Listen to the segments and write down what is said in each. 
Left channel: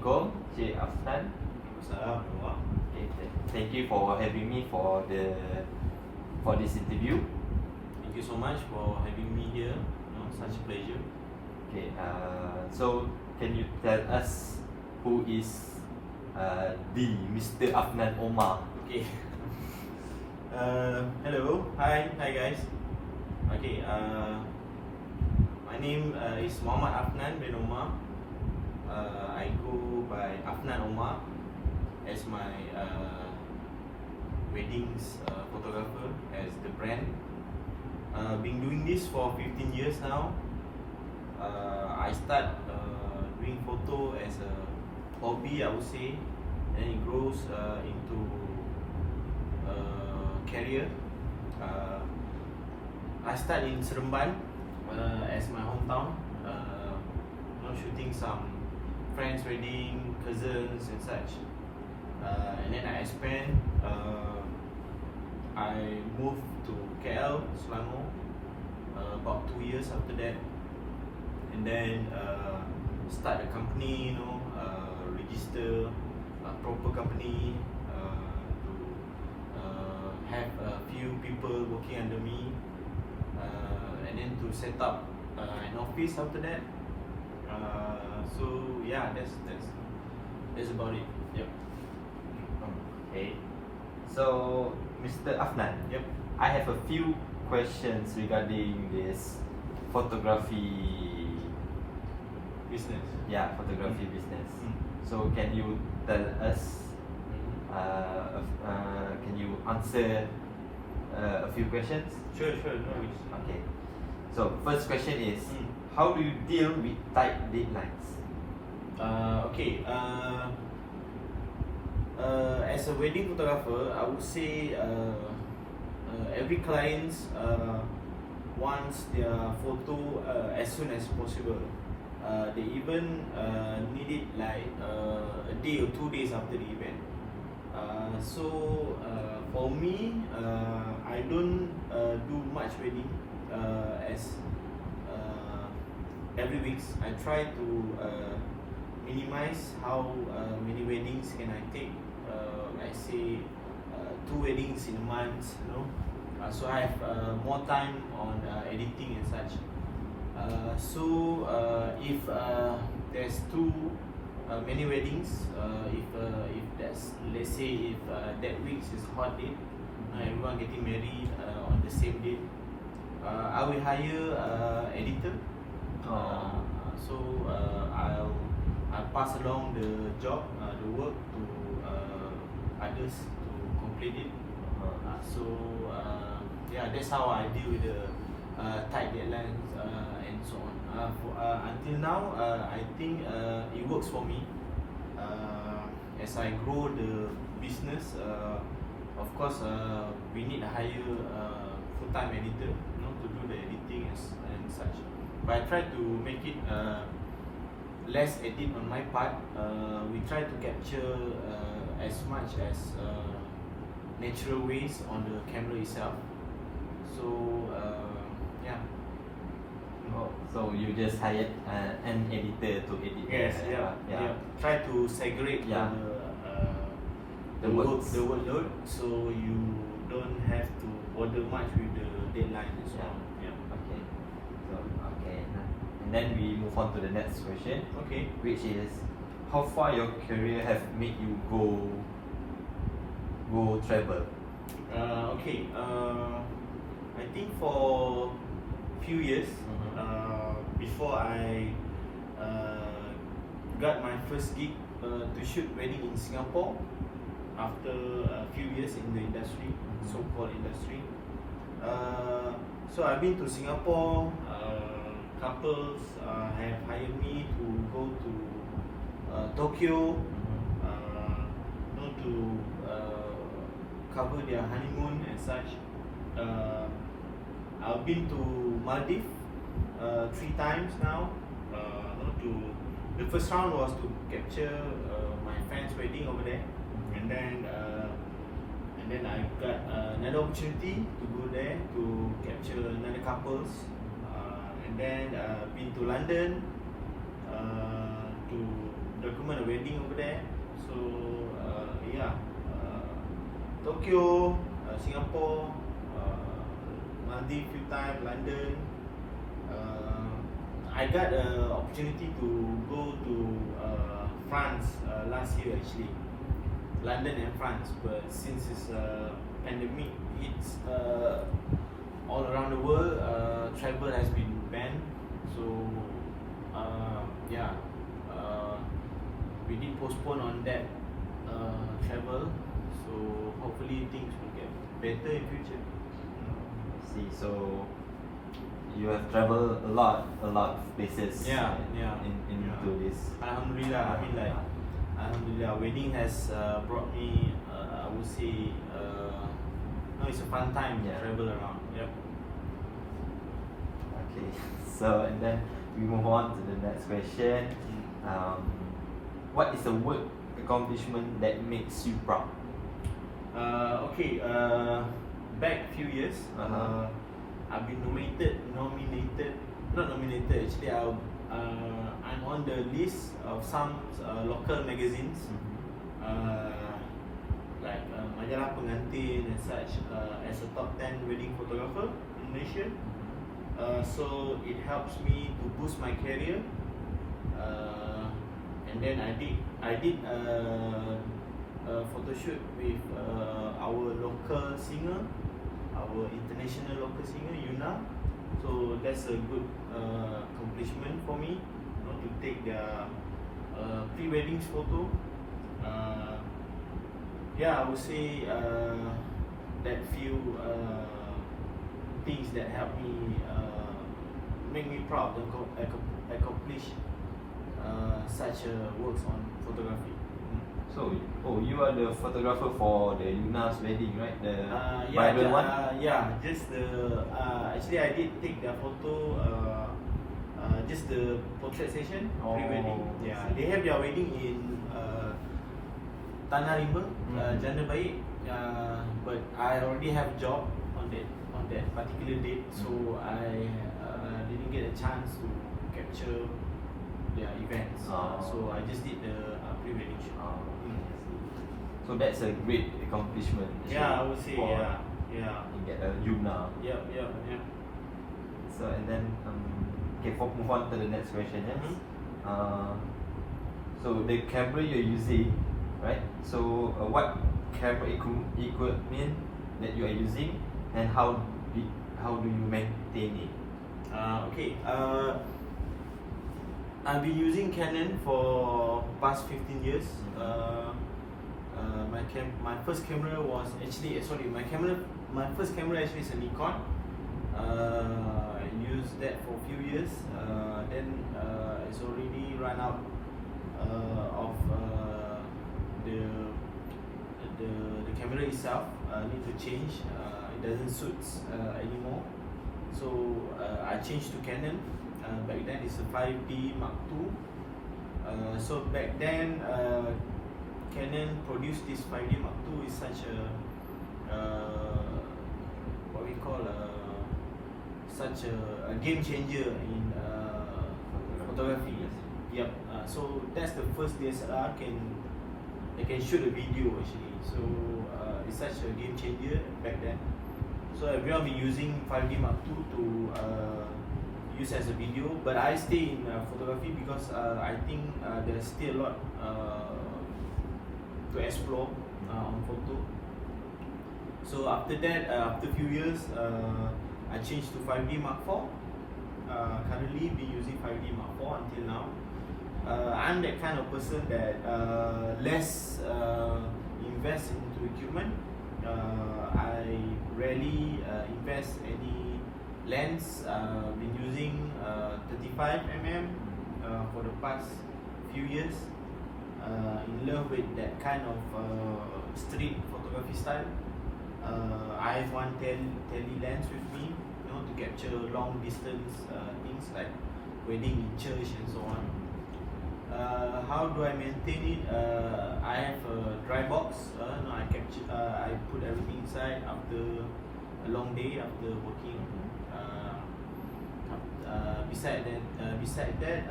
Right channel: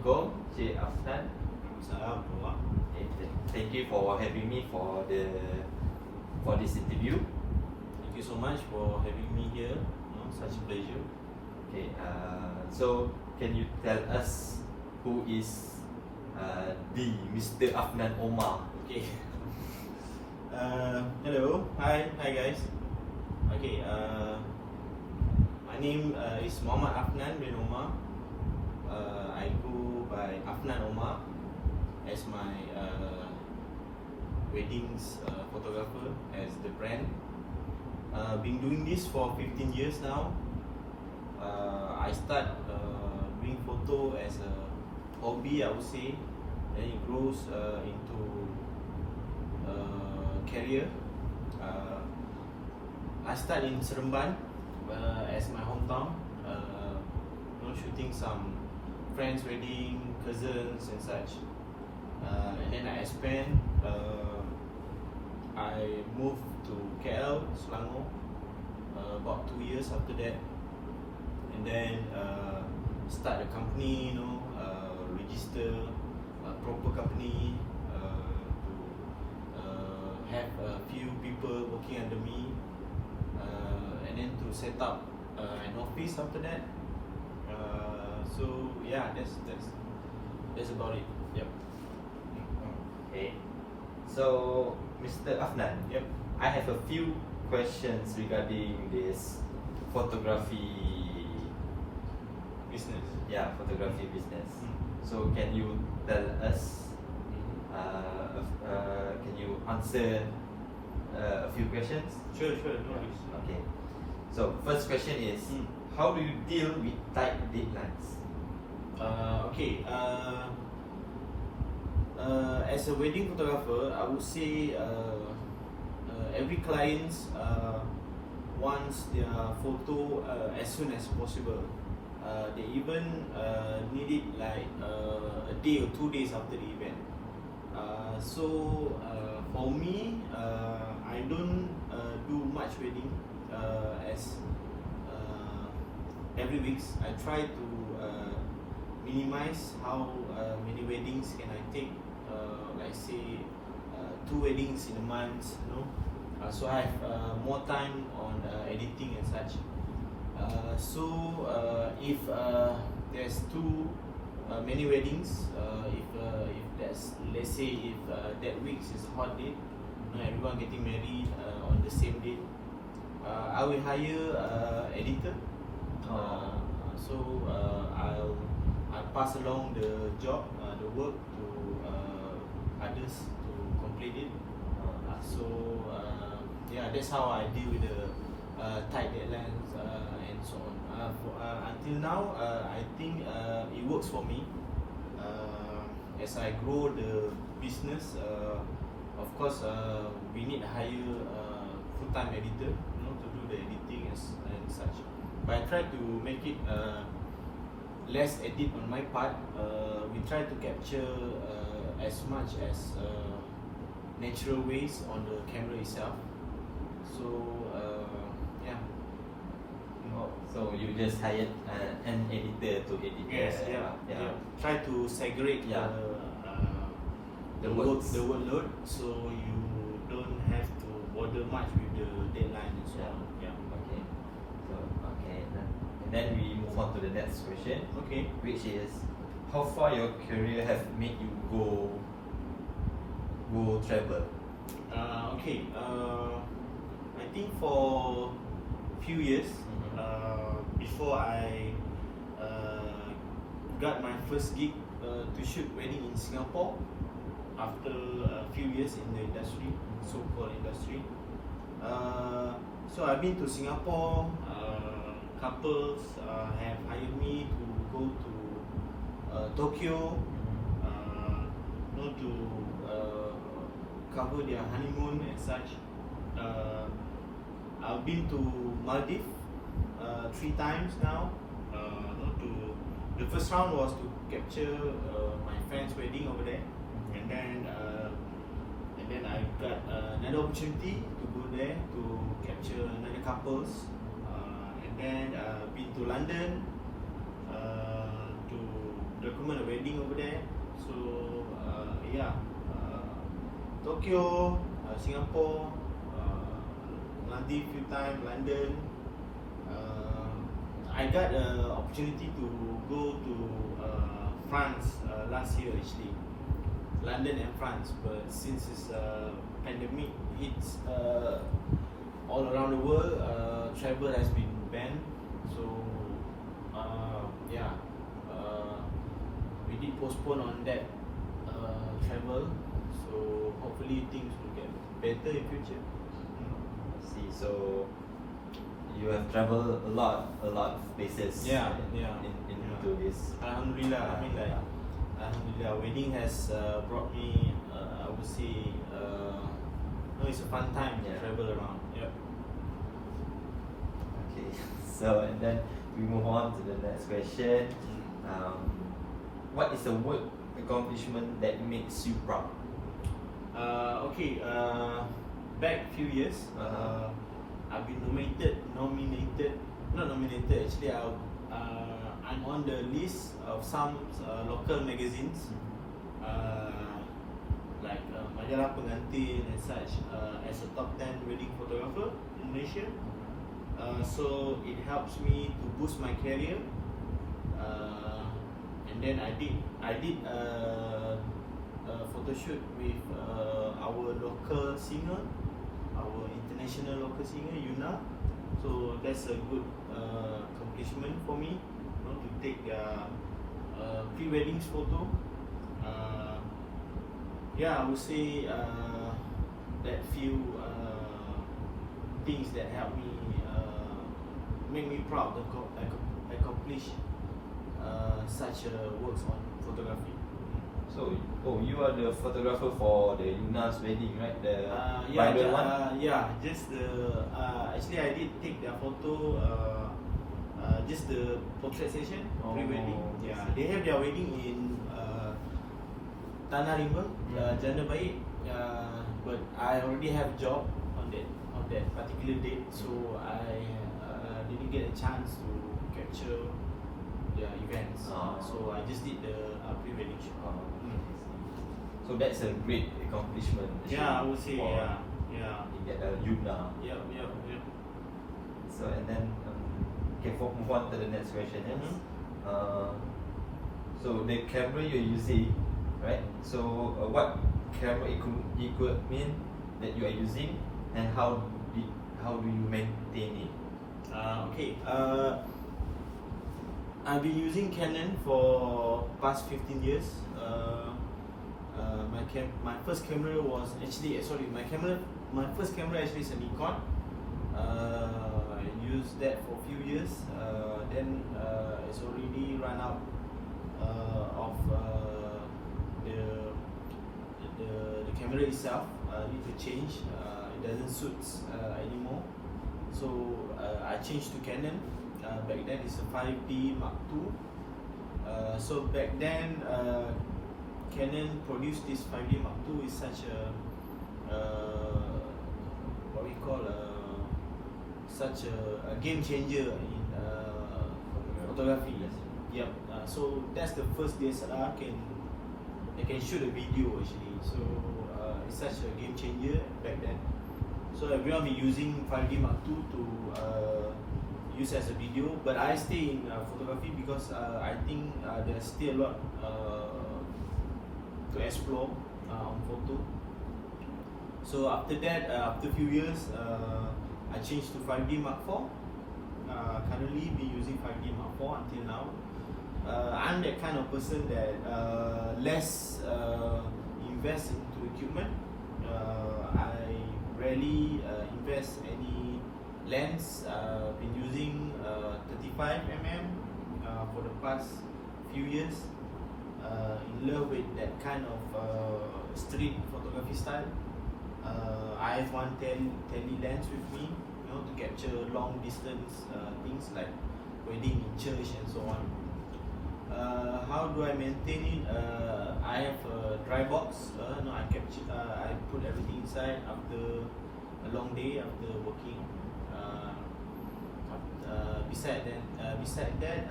Assalamualaikum, Cik Afnan. Okay, thank you for having me for this interview. Thank you so much for having me here. Such a pleasure. Okay, so can you tell us who is the Mr. Afnan Omar? Okay. Hello, hi guys. Okay, my name is Muhammad Afnan bin Omar. I go by Afnan Omar as my weddings photographer, as the brand. Been doing this for 15 years now. I start doing photo as a hobby, I would say, and it grows into career. I start in Seremban as my hometown, shooting some friends' wedding, cousins and such. And then I expand. I moved to KL, Selangor, about 2 years after that, and then start a company, register a proper company, to have a few people working under me, and then to set up an office after that. So yeah, that's about it. Yep. Okay. So, Mr. Afnan, Yep. I have a few questions regarding this photography. Business. Yeah, photography business. Mm. So, can you tell us? Can you answer a few questions? Sure, no worries. Okay. So, first question is, Mm. how do you deal with tight deadlines? Okay. As a wedding photographer, I would say every client wants their photo as soon as possible. They even need it like a day or 2 days after the event. For me, I don't do much wedding as every week. I try to minimize how many weddings can I take. Like say 2 weddings in a month, so I have more time on editing and such. If there's too many weddings, if that's, let's say if that week is hot date, everyone getting married on the same date, I will hire editor. I'll pass along the job, the work to others to complete it. That's how I deal with the tight deadlines and so on. Until now, I think it works for me. As I grow the business, of course, we need to hire full-time editor, to do the editing and such. But I try to make it less edit on my part. We try to capture as much as natural ways on the camera itself. So yeah. So you just hired an editor to edit. Yes, yeah. Try to segregate the workload, so you don't have to bother much with the deadline and so on. Yeah. Okay. So and then we move on to the next question. Okay. Which is, how far your career have made you go travel? Okay. I think for few years, before I got my first gig to shoot wedding in Singapore, after a few years in the industry, so-called industry. So I've been to Singapore. Couples have hired me to go to Tokyo, to cover their honeymoon and such. I've been to Maldives 3 times now. The first round was to capture my friend's wedding over there, and then I got another opportunity to go there to capture another couples, and then been to London to document a wedding over there. So yeah, Tokyo, Singapore, Maldives few times, London. I got an opportunity to go to France last year actually, London and France. But since this pandemic hits all around the world, travel has been banned. So yeah, we did postpone on that travel. So hopefully things will get better in future. See, so you have traveled a lot of places. Yeah. Into this. Alhamdulillah. I mean, like, Alhamdulillah, wedding has brought me, I would say, no, it's a fun time to travel around. Yep. Okay. So and then we move on to the next question. What is a work accomplishment that makes you proud? Okay. Back a few years, I've been not nominated. Actually, I'm on the list of some local magazines, like Majalah Pengantin and such, as a top 10 wedding photographer in Malaysia. So it helps me to boost my career. And then I did a photo shoot with our local singer, our international local singer Yuna. So that's a good accomplishment for me, you know, to take their pre-weddings photo. Yeah, I would say that few things that help me make me proud to accomplish such works on photography. So, you are the photographer for the Yuna's wedding, right? The bridal one? Yeah, just the actually I did take their photo, just the portrait session, pre-wedding. Yeah, they have their wedding in Tanah Rimba, Jana Baik. But I already have job on that particular date, so I didn't get a chance to capture their events. So I just did the pre-wedding shoot. So that's a great accomplishment. Yeah, I would say, yeah. You get the Yuna. Yep. So and then move on to the next question. Yes. So the camera you're using, right? So what camera equipment that you are using, and how do you maintain it? Okay. I've been using Canon for past 15 years. My first camera was actually my first camera actually is a Nikon. I used that for a few years. Then it's already run out of the camera itself. Need to change. It doesn't suit anymore. So I changed to Canon. Back then it's a 5D Mark II. So back then Canon produced this 5D Mark II is such a what we call such a game changer in photography. Yep. So that's the first DSLR that can shoot a video actually. So it's such a game changer back then. So everyone be using 5D Mark II to use as a video, but I stay in photography because I think there's still a lot to explore on photo. So after that, after a few years, I changed to 5D Mark IV. Currently been using 5D Mark IV until now. I'm that kind of person that less invest into equipment. I rarely invest any lens. Been using 35mm for the past few years. In love with that kind of street photography style. I have one tele lens with me, you know, to capture long distance things like wedding in church and so on. How do I maintain it? I have a dry box. I put everything inside after a long day after working. Beside that,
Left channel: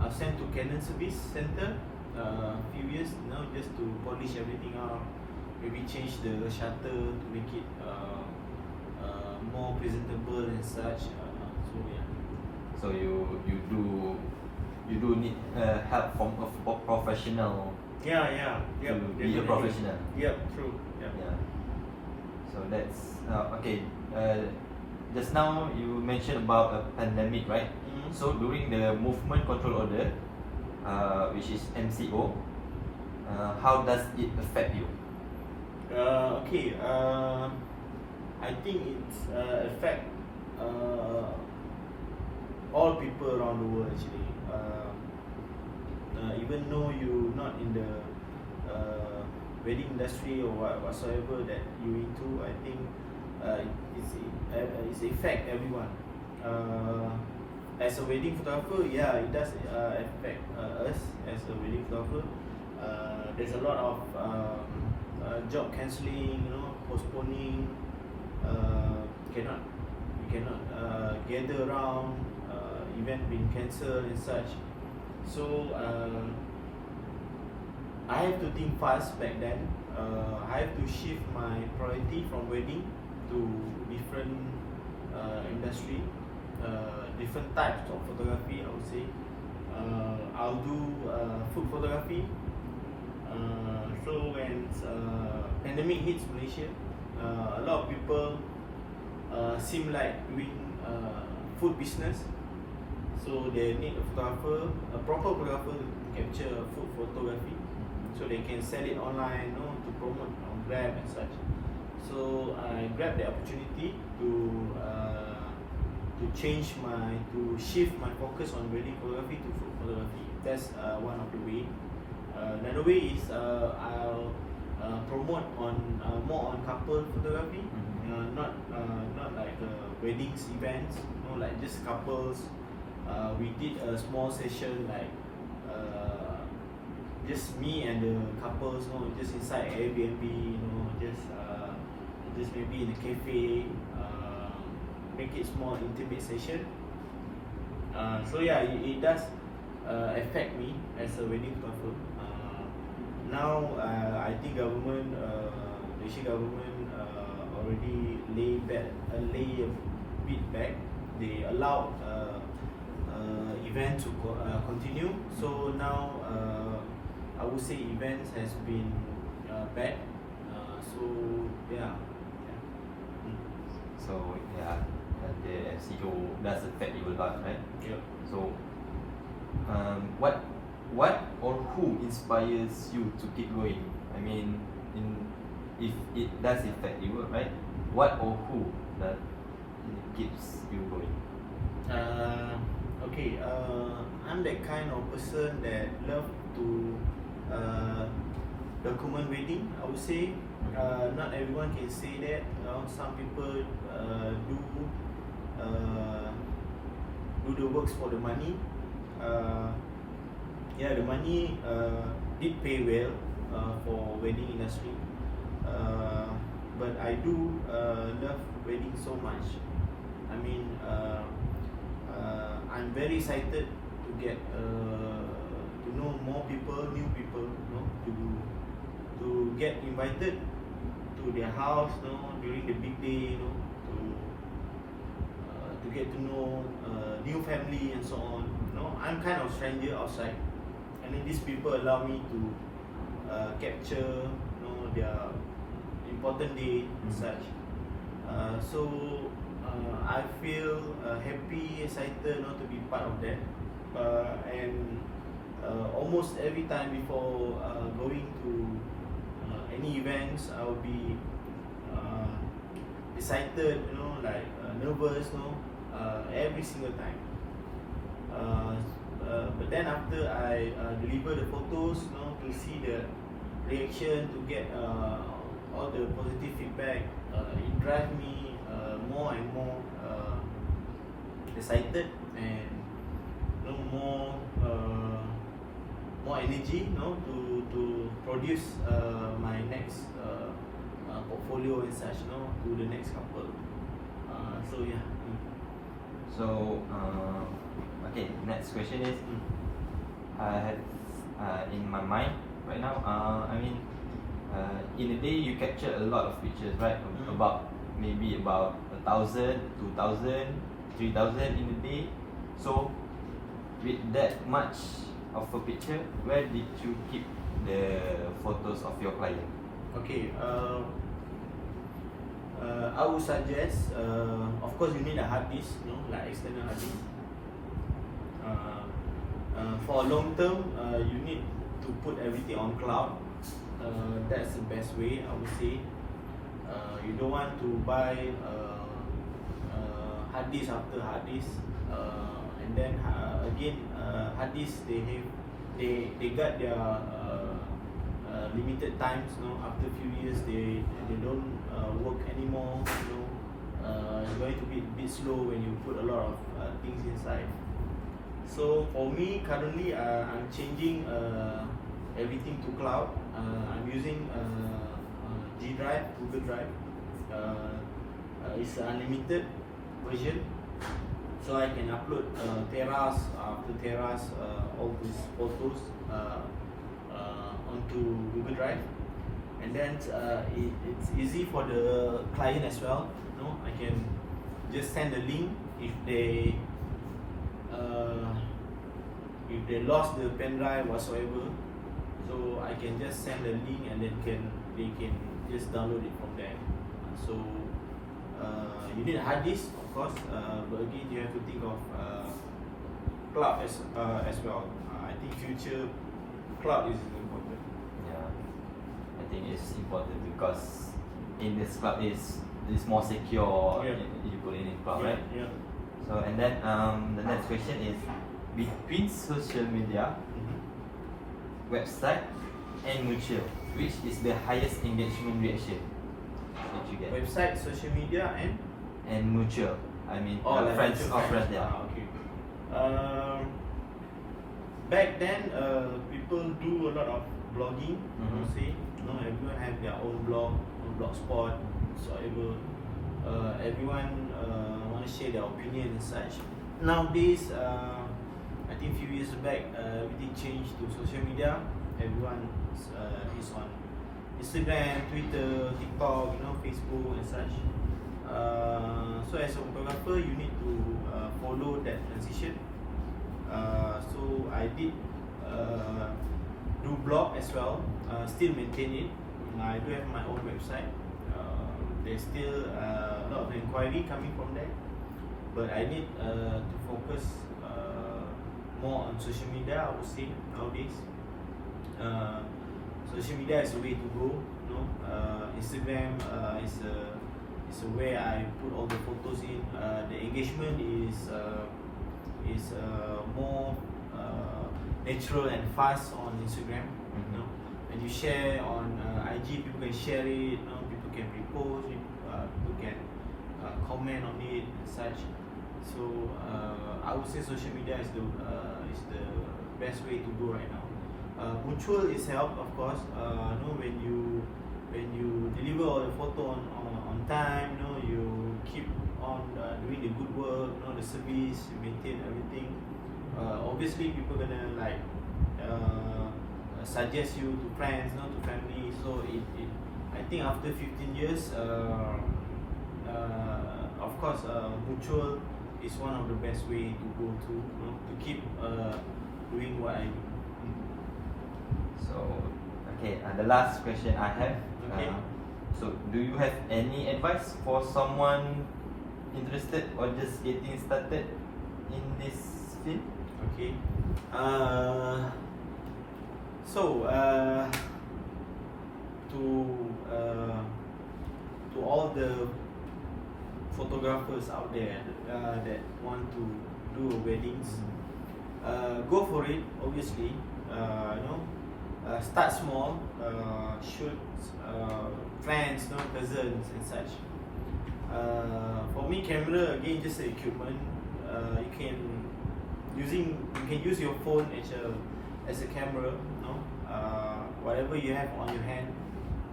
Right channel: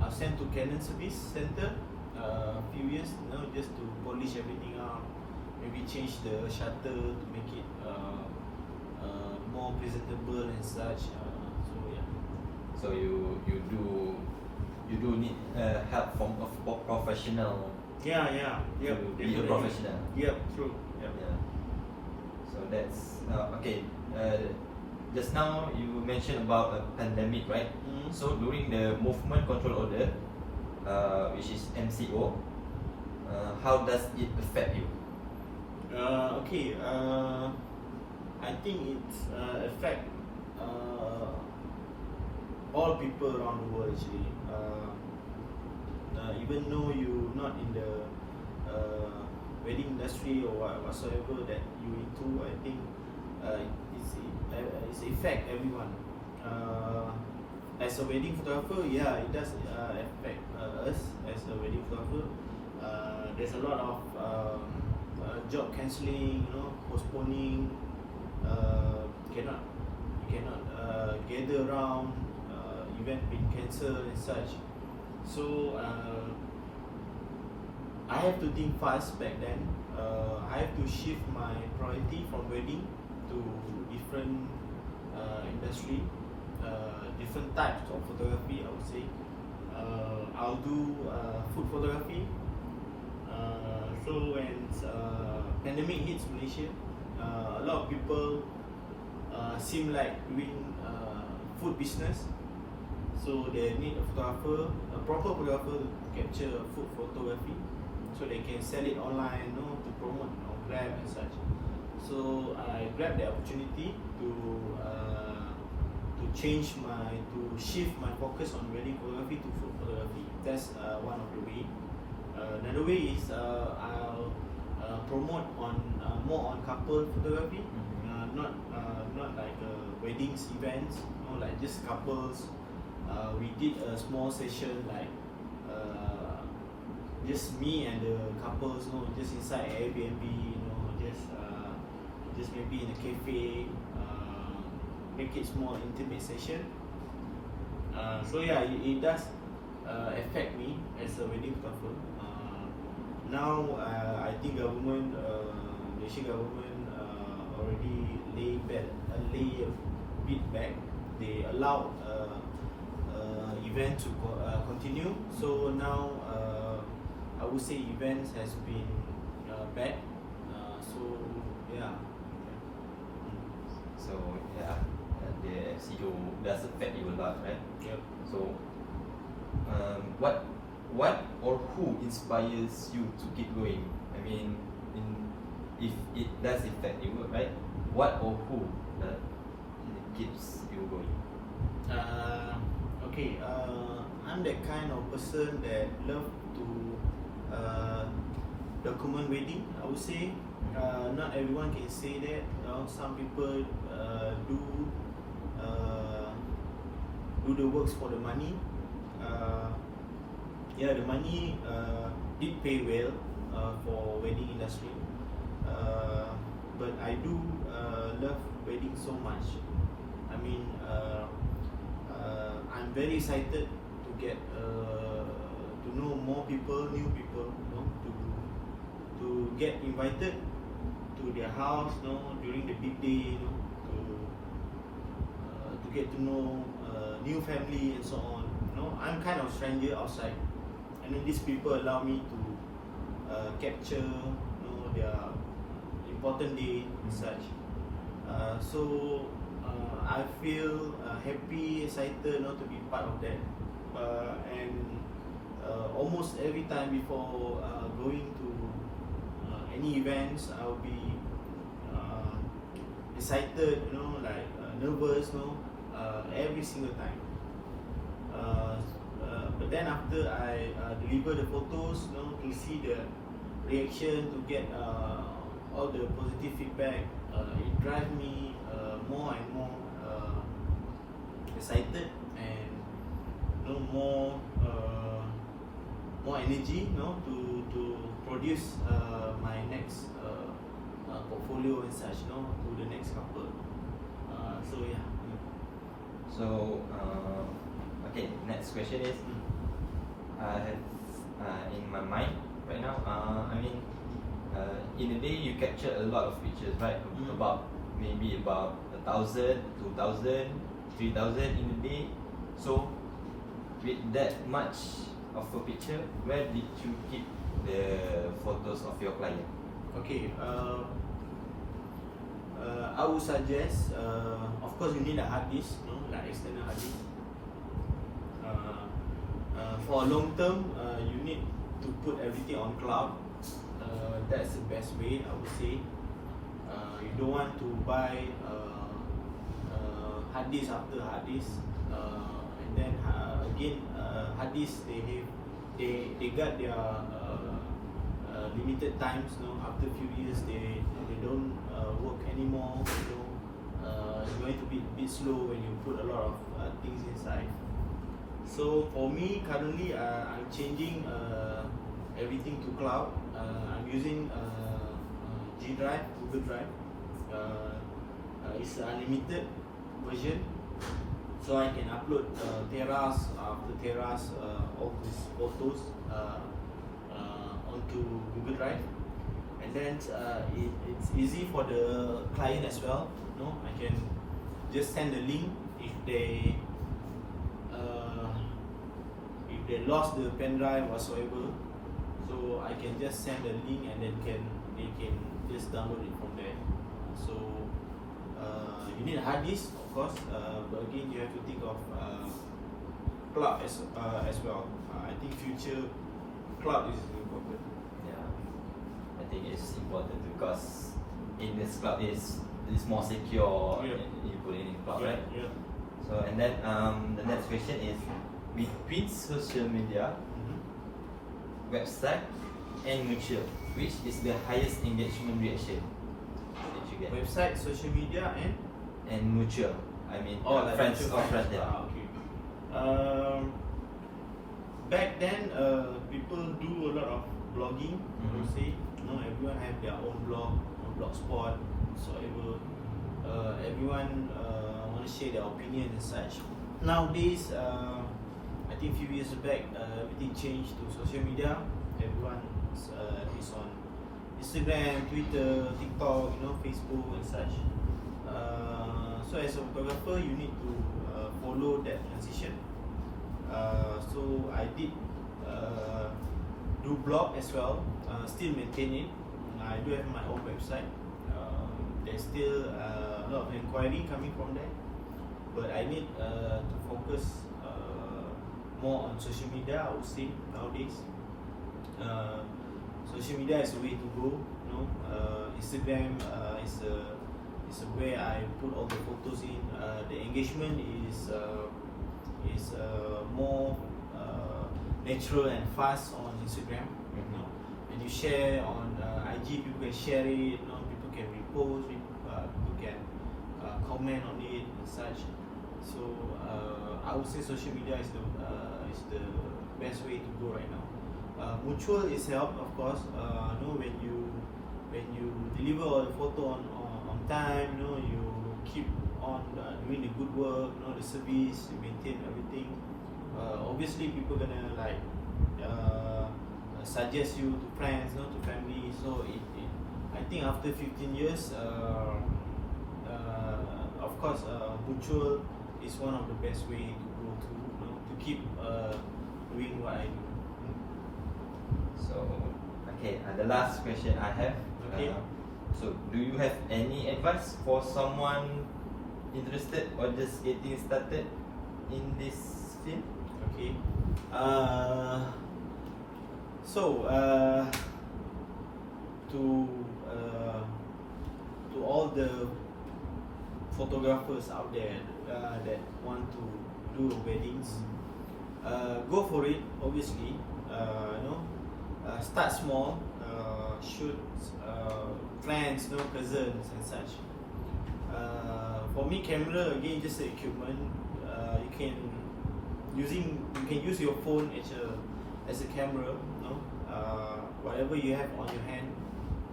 I'll sent to Canon Service Center a few years, just to polish everything up, maybe change the shutter to make it more presentable and such. So yeah. So you do need help from a professional Yeah, to be a professional. Yep, true. Yep. Yeah. So that's okay. Just now you mentioned about a pandemic, right? Mhm. So during the movement control order, which is MCO, how does it affect you? Okay. I think it's affect all people around the world actually. Even though you're not in the wedding industry or whatsoever that you into, I think it's affect everyone. As a wedding photographer, yeah, it does affect us as a wedding photographer. There's a lot of job cancelling, postponing. You cannot gather around. Event being cancelled and such. So I have to think fast back then. I have to shift my priority from wedding to different industry, different types of photography. I would say I'll do food photography. So when pandemic hits Malaysia, a lot of people seem like doing food business. So they need a photographer, a proper photographer to capture food photography, so they can sell it online, to promote on Grab and such. So I grabbed the opportunity to shift my focus on wedding photography to food photography. That's one of the way. Another way is I'll promote on more on couple photography, not like weddings events, like just couples. We did a small session like just me and the couples, just inside Airbnb, just maybe in a cafe, make it small intimate session. So yeah, it does affect me as a wedding photographer. Now I think Malaysian government already lay a bit back. They allowed event to continue. So now I would say events has been back. So yeah. So yeah, the MCO does affect you a lot, right? Yep. So what or who inspires you to keep going? I mean, if it does affect you, right? What or who that keeps you going? Okay, I'm that kind of person that love to document wedding. I would say not everyone can say that. Some people do the works for the money. Yeah, the money did pay well for wedding industry. But I do love wedding so much. I mean, I'm very excited to get to know more people, new people, to get invited to their house, during the big day, to get to know new family and so on. I'm kind of stranger outside. I mean, these people allow me to capture, their important day and such. So I feel happy, excited, to be part of that. And almost every time before going to any events, I'll be excited, like nervous, every single time. But then after I deliver the photos, to see the reaction, to get all the positive feedback, it drives me more and more excited and more energy, to produce my next portfolio and such, to the next couple. So yeah. So okay, next question is I have in my mind right now. In a day you capture a lot of pictures, right? About maybe about 1,000, 2,000, 3,000 in a day. So with that much of a picture, where did you keep the photos of your client? Okay. I would suggest, of course, you need a hard disk, like external hard disk. For a long term, you need to put everything on cloud. That's the best way, I would say. You don't want to buy hard disk after hard disk, and then again, hard disk they got their limited times. After a few years, they don't work anymore. It's going to be a bit slow when you put a lot of things inside. So for me, currently, I'm changing everything to cloud. I'm using G Drive, Google Drive. It's an unlimited version, so I can upload teras after teras all these photos onto Google Drive, and then it's easy for the client as well. I can just send a link if they lost the pen drive whatsoever. So I can just send a link and then they can just download it from there. So you need a hard disk, of course, but again you have to think of cloud as well. I think future cloud is important. Yeah, I think it's important because in this cloud is more secure. Yeah. You put it in cloud, Yeah, right? yeah. So and then the next question is between social media, website, and mutual, which is the highest engagement reaction that you get? Website, social media, And mutual. I mean, like friends mutual or friends. Yeah. Okay. Back then, people do a lot of blogging. I would say, everyone have their own blog, own blogspot, whatsoever. Everyone want to share their opinion and such. Nowadays, I think a few years back, everything changed to social media. Everyone is on Instagram, Twitter, TikTok, Facebook and such. So as a photographer, you need to follow that transition. So I did do blog as well. Still maintain it. I do have my own website. There's still a lot of inquiry coming from there, but I need to focus more on social media, I would say, nowadays. Social media is the way to go. Instagram is where I put all the photos in. The engagement is more natural and fast on Instagram. When you share on IG, people can share it. People can repost it. People can comment on it and such. So I would say social media is the best way to go right now. Mutual is help, of course. When you deliver all the photo on time, you keep on doing the good work, the service, you maintain everything. Obviously, people gonna suggest you to friends, to family. So I think after 15 years, of course, mutual is one of the best way to go to keep doing what I do. So, okay, the last question I have. Okay. So, do you have any advice for someone interested or just getting started in this field? Okay. To all the photographers out there that want to do weddings, go for it. Obviously, start small. Shoot friends, cousins and such. For me, camera again just the equipment. You can use your phone as a camera. Whatever you have on your hand,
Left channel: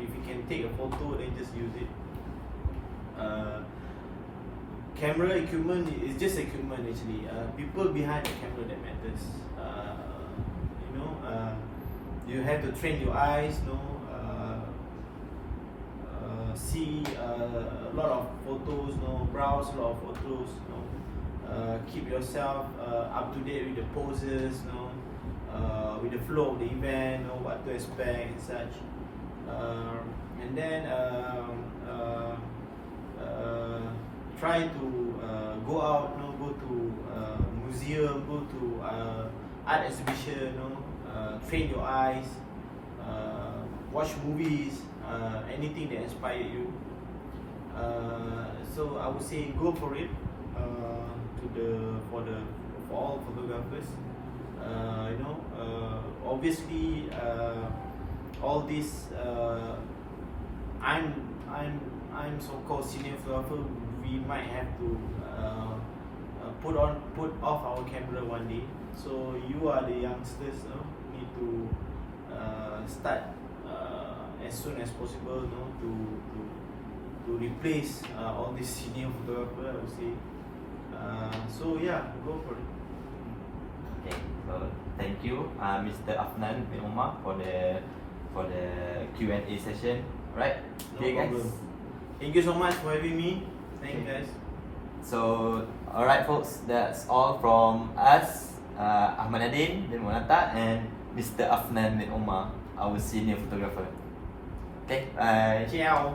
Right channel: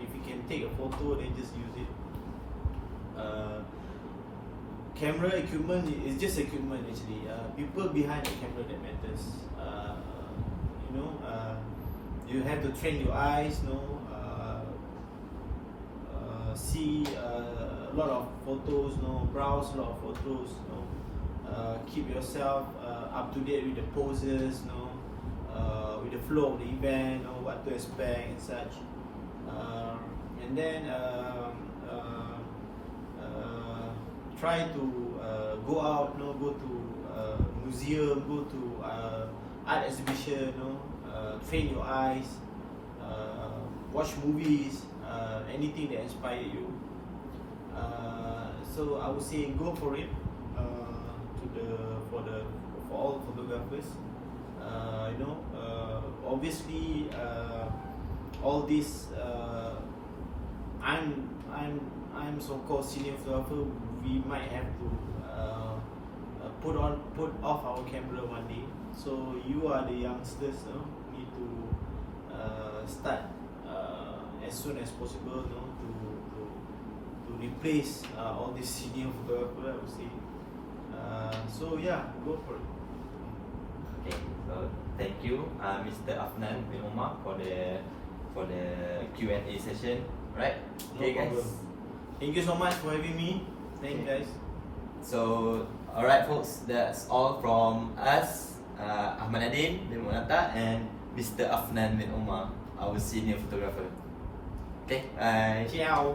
if you can take a photo, then just use it. Camera equipment is just equipment actually. People behind the camera that matters. you have to train your eyes, see a lot of photos, browse a lot of photos, keep yourself up to date with the poses, with the flow of the event, what to expect and such. And then try to go out, go to museum, go to art exhibition, train your eyes, watch movies, anything that inspire you. So I would say go for it. For all photographers, obviously all this I'm so-called senior photographer. We might have to put off our camera one day. So you are the youngsters, need to start as soon as possible, to replace all these senior photographer, I would say. So yeah, go for it. Okay, so thank you, Mr. Afnan bin Umar, for the Q&A session. Right? No problem. Thank you so much for having me. Thank you guys. So, alright folks, that's all from us, Ahmad Nadeen bin Munata and Mr. Afnan bin Umar, our senior photographer. Okay, bye. Ciao.